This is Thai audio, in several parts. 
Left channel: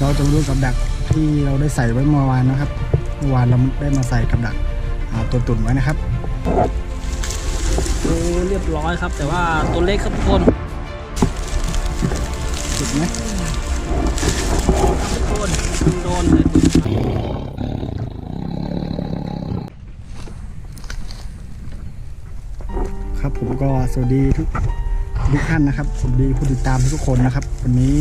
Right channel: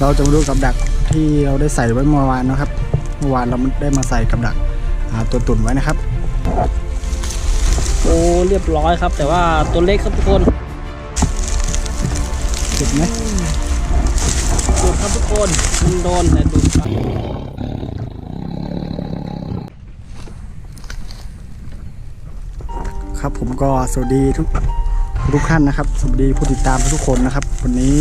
เราจะมาดูกับดักที่เราได้ใส่ไว้เมื่อวานนะครับ เมื่อวานเราได้มาใส่กับดักอ่าตัวตุ่นไว้นะครับ โอ้เรียบร้อยครับ แต่ว่าตัวเล็กครับทุกคนติดไหมดูดครับทุกคนมันโดนแต่ดูดครับครับผมก็สวัสดีทุกทุกท่านนะครับ สวัสดีผู้ติดตามทุกๆคนนะครับ วันนี้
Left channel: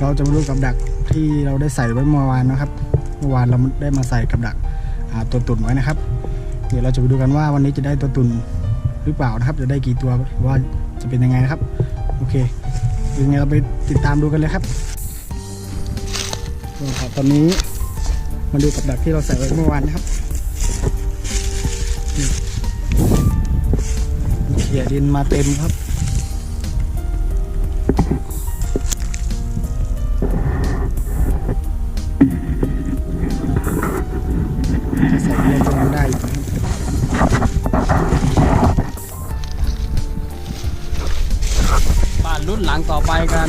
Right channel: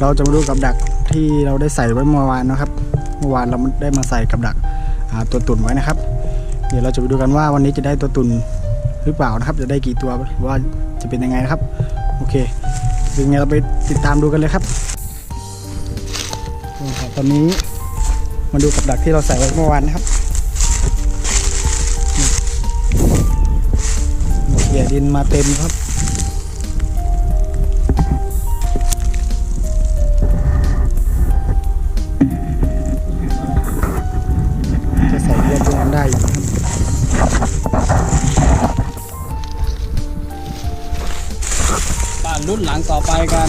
เราจะมาดูกับดัก ที่เราได้ใส่ไว้เมื่อวานนะครับ เมื่อวานเราได้มาใส่กับดักตัวตุ่นไว้นะครับ เดี๋ยวเราจะไปดูกันว่าวันนี้จะได้ตัวตุ่นหรือเปล่านะครับ จะได้กี่ตัวว่าจะเป็นยังไงนะครับ โอเคยังไงเราไปติดตามดูกันเลยครับตอนนี้มาดูกับดักที่เราใส่ไว้เมื่อวานนะครับเขี่ยดินมาเต็มครับ จะใส่รอบก็ยังได้อยู่นะครับบ้านรุ่นหลังต่อไปกัน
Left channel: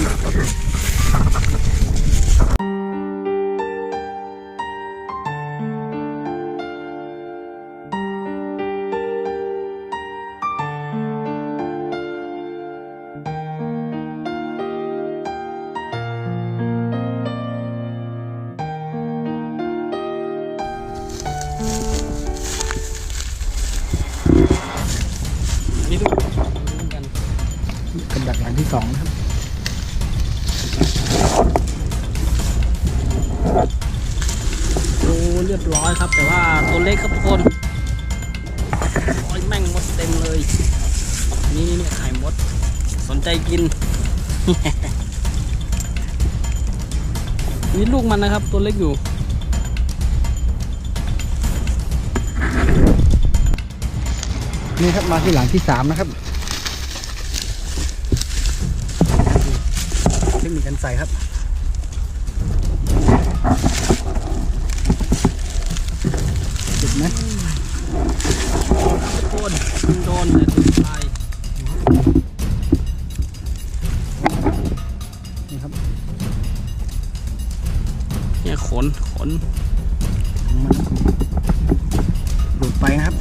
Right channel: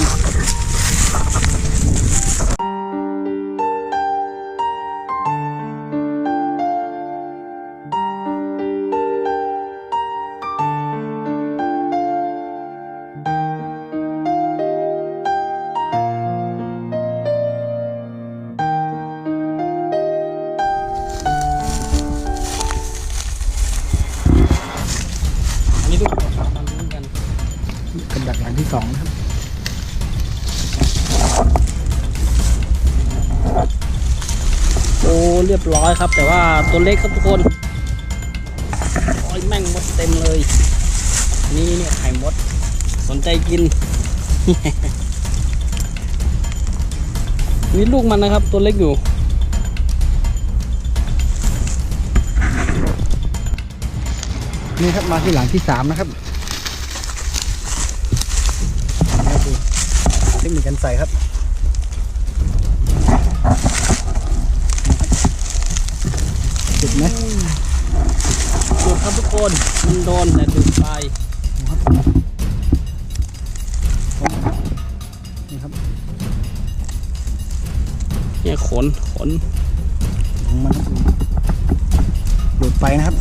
นนี้ทุกคนเอามาลุ้นกันกับดักหลังที่สองนะครับโอ้เรียบร้อยครับ แต่ว่าตัวเล็กครับทุกคนโอ้ยแม่งมดเต็มเลย นี่นี่ไข่มด สนใจกิน นี่ลูกมันนะครับ ตัวเล็กอยู่ นี่ครับมาที่หลังที่สามนะครับนี่ครับดูเทคนิคการใส่ครับนะครับติดไหมดูดครับทุกคนมันโดนแต่ดูดไปนะครับนี่ครับเนี่ยขนขนของมันครับหลุดไปนะครับ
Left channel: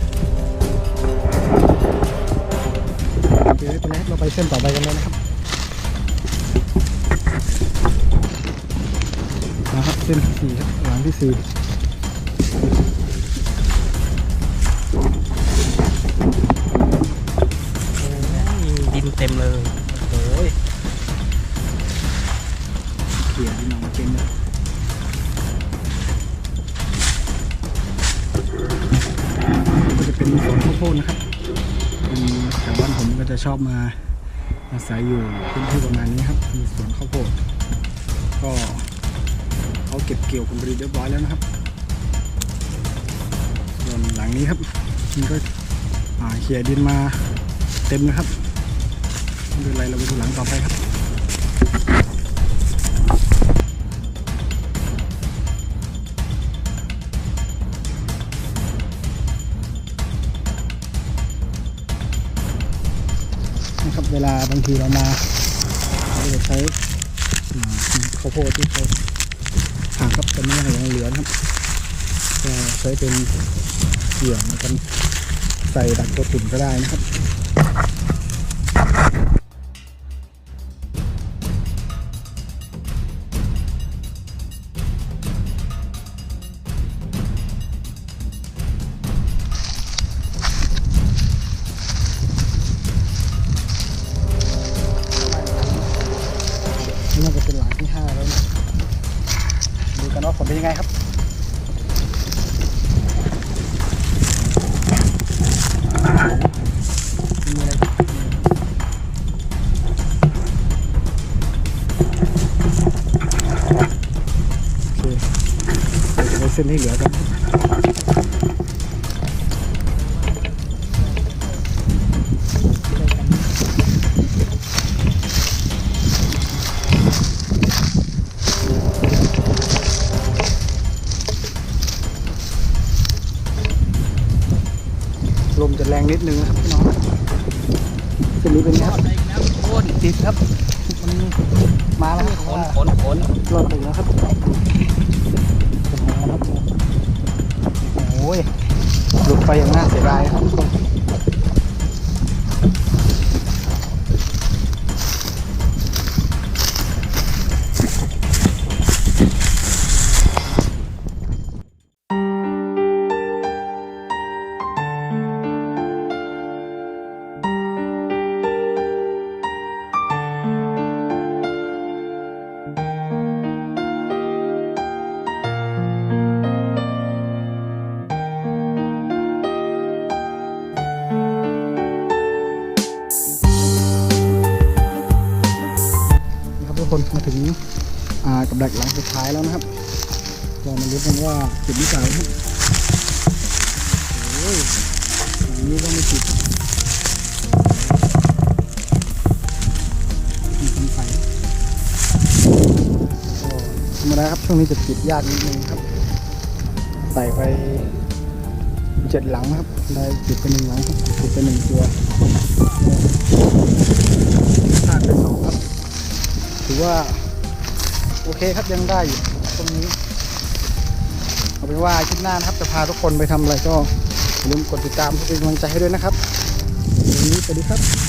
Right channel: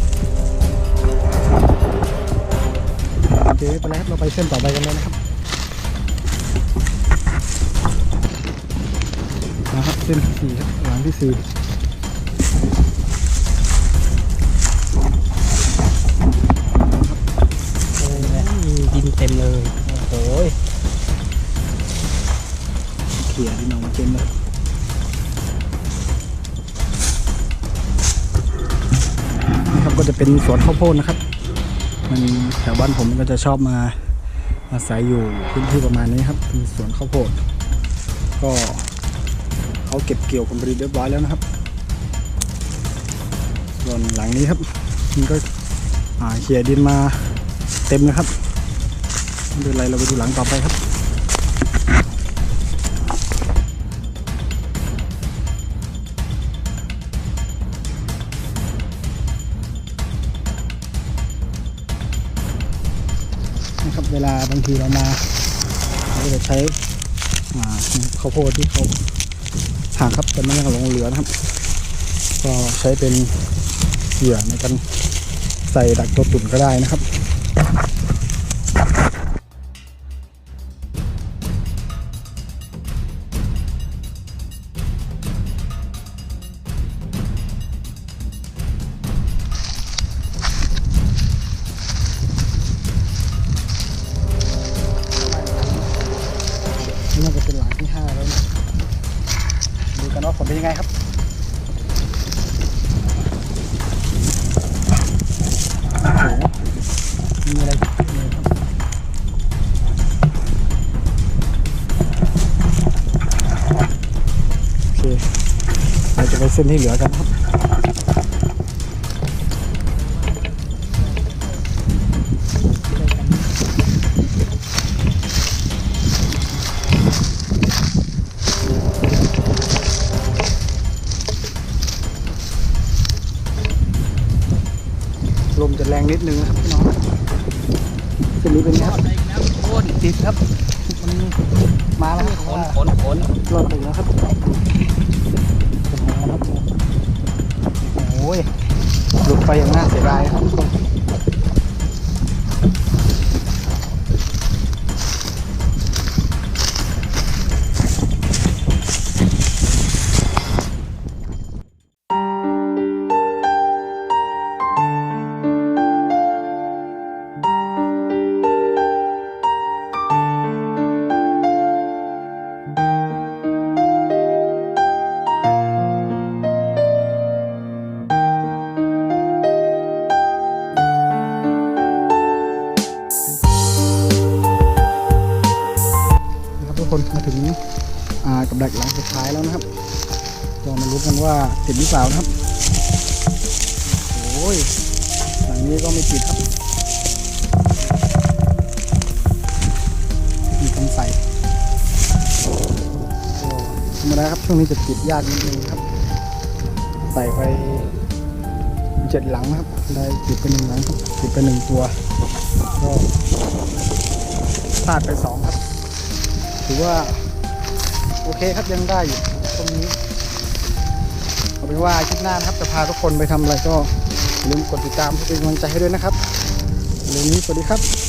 โอเคไปแล้วครับเราไปเส้นต่อไปกันเลยนะครับนะครับเส้นที่สี่ครับหลังที่สี่โอ้ยดินเต็มเลยโอ้ยเขี่ยดินออกมาเต็มเลยนี่ครับก็จะเป็นสวนข้าวโพดนะครับ มันแถวบ้านผมก็จะชอบมาอาศัยอยู่พื้นที่ประมาณนี้ครับมีสวนข้าวโพดก็เขาเก็บเกี่ยวผลผลิตเรียบร้อยแล้วนะครับส่วนหลังนี้ครับมันก็เขี่ยดินมาเต็มนะครับไม่เป็นไรเราไปดูหลังต่อไปครับ ลาบางทีเรามาเราจะใช้ข้าวโพดที่เขาห่างครับจะไม่ให้หลงเหลือนะครับก็ใช้เป็นเหยื่อในการใส่ดักตัวตุ่นก็ได้นะครับ ผลเป็นยังไงครับโอ้โหมีอะไรโอเคเราจะไปเส้นที่เหลือกันครับ นิดนึงนะครับพี่น้องเส้นนี้เป็นไงยคอรับดไปอีกแล้วทุกคนติดครับมันมาแล้วครับขนขนขนรอดไปแล้วครับเป็นไงครับโอ้ยหลุดไปอย่างน่าเสียดายครับทุกคน คนมาถึงกับดักหลังสุดท้ายแล้วนะครับก็มาลุ้นกันว่าติดหรือเปล่านะครับโอ้ยหลังนี้ก็ไม่ติดครับมีคนใส่ก็ธรรมดาครับช่วงนี้จะติดยากนิดนึงครับ ใส่ไปเจ็ดหลังครับได้ติดไปหนึ่งหลังครับติดไปหนึ่งตัวก็พลาดไปสองครับ ถือว่า โอเคครับยังได้อยู่ตรงนี้เอาเป็นว่าอาคลิปหน้านะครับจะพาทุกคนไปทำอะไรก็อย่าลืมกดติดตามเพื่อเป็นกำลังใจให้ด้วยนะครับวันนี้สวัสดีครับ